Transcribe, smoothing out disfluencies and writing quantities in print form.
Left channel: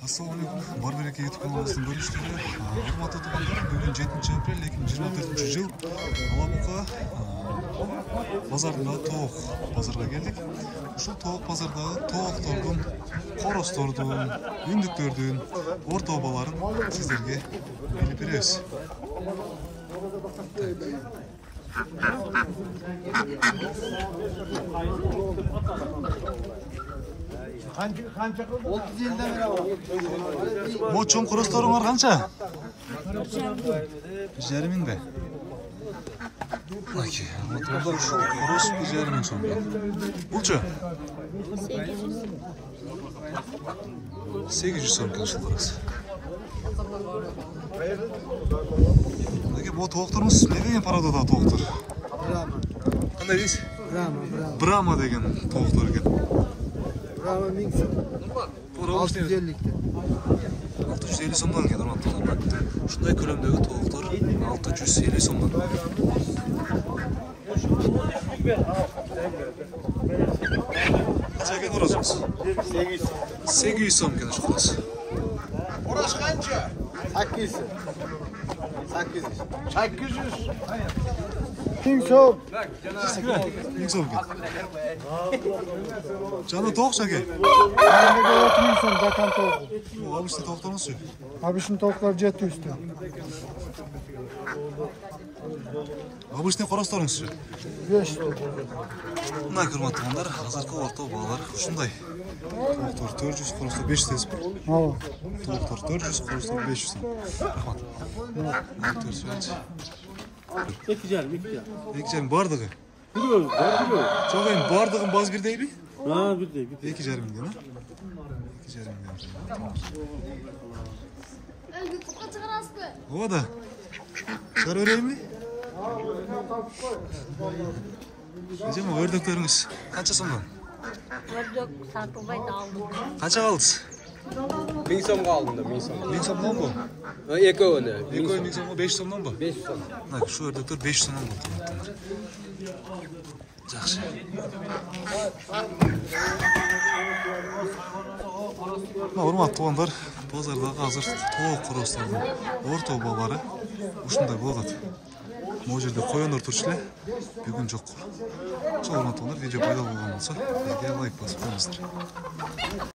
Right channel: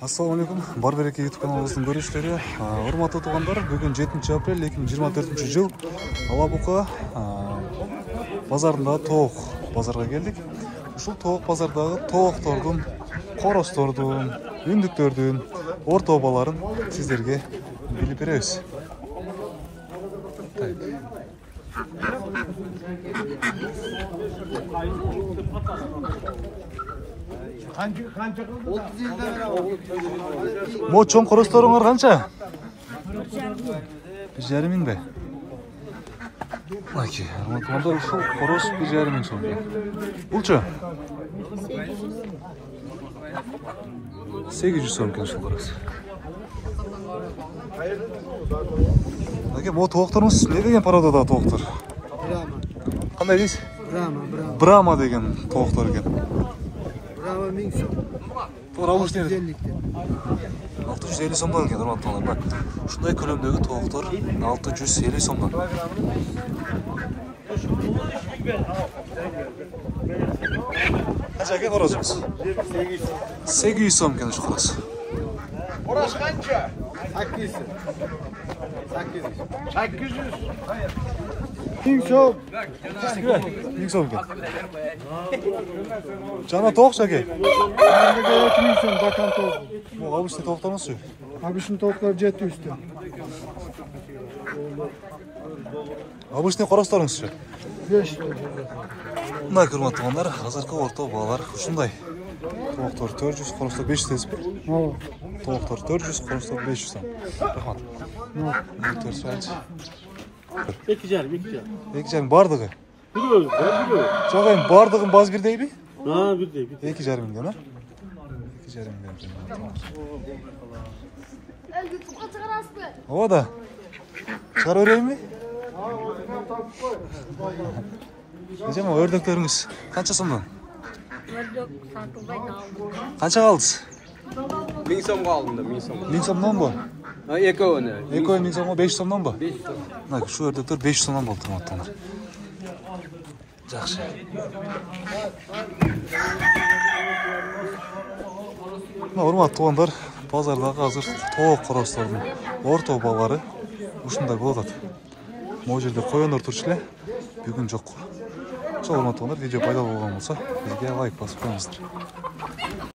Assalamu alaikum. Бар береке YouTube каналыбыздын көрүүчүлөрү. Урматтуу туугандар, бүгүн 7 апрель 2024-жыл. Алабука базарында тоок базарга келдик. Ушул тоок базардагы тооктордун, коростордун, үндүктөрдүн орто бааларын сиздерге билип беребиз. Мо чоң коросторуңар канча? 1,5 миң бе? Аки, урматтуу ушул корос 1,5 миң сом. Булчу? 800 сом экен ушул корос. Аки, мо тоокторуңуз не деген породадагы тооктор? Брама. Кандай дейсиз? Брама. Брама деген тооктор экен. Bravo 1000 сом. 650 сомдон экен, урматтуулар. Ушундай көлөмдөгү тооктор 650 сомдон. Канча экен коросуңуз? 800 сом экен ушу корос. Корос канча? 800. 1000 сом. 1000 сом экен. Жана тоокчу эке. 1000 сом бакан тоок. Могу обычный тоокторуңузчу? Обычный тооклар 700 сом. Обычный коросторуңузчу? 500 сом. Мындай урматтуулар, азыркы орто баалар ушундай. Тооктор 400, коростор 500 десип. Ооба. Тооктор 400, коростор 500 сом. Рахмат. 2,5 бардыгы. Жок, эми бардыгын баз бирдейби? Бирдей. 2,5 миңден, а? 2,5 миңден. Ооба да. Чыгарып берейинби? Эжем, өрдөктөрүңүз канча сомдон? Ördük Santuba'yı aldım. Канча калдыңыз? 1000 сомго алдым да, 1000 сом. 1000 сомдонбу? Экөөнө. 2,5 сомго 500 сомдонбу? 500 сом. Мына ушу өрдөктөр 500 сомдон болду, урматтуулар. Жакшы. Мына урматтуу туугандар, базардагы азыр тоок коростордун орто баалары ушундай болуп атат. Могу жерде коёндор турчу эле, бүгүн жок. Ошол урматтуу туугандар, видео пайдалуу болгон болсо, бизге лайк басып коюңуздар.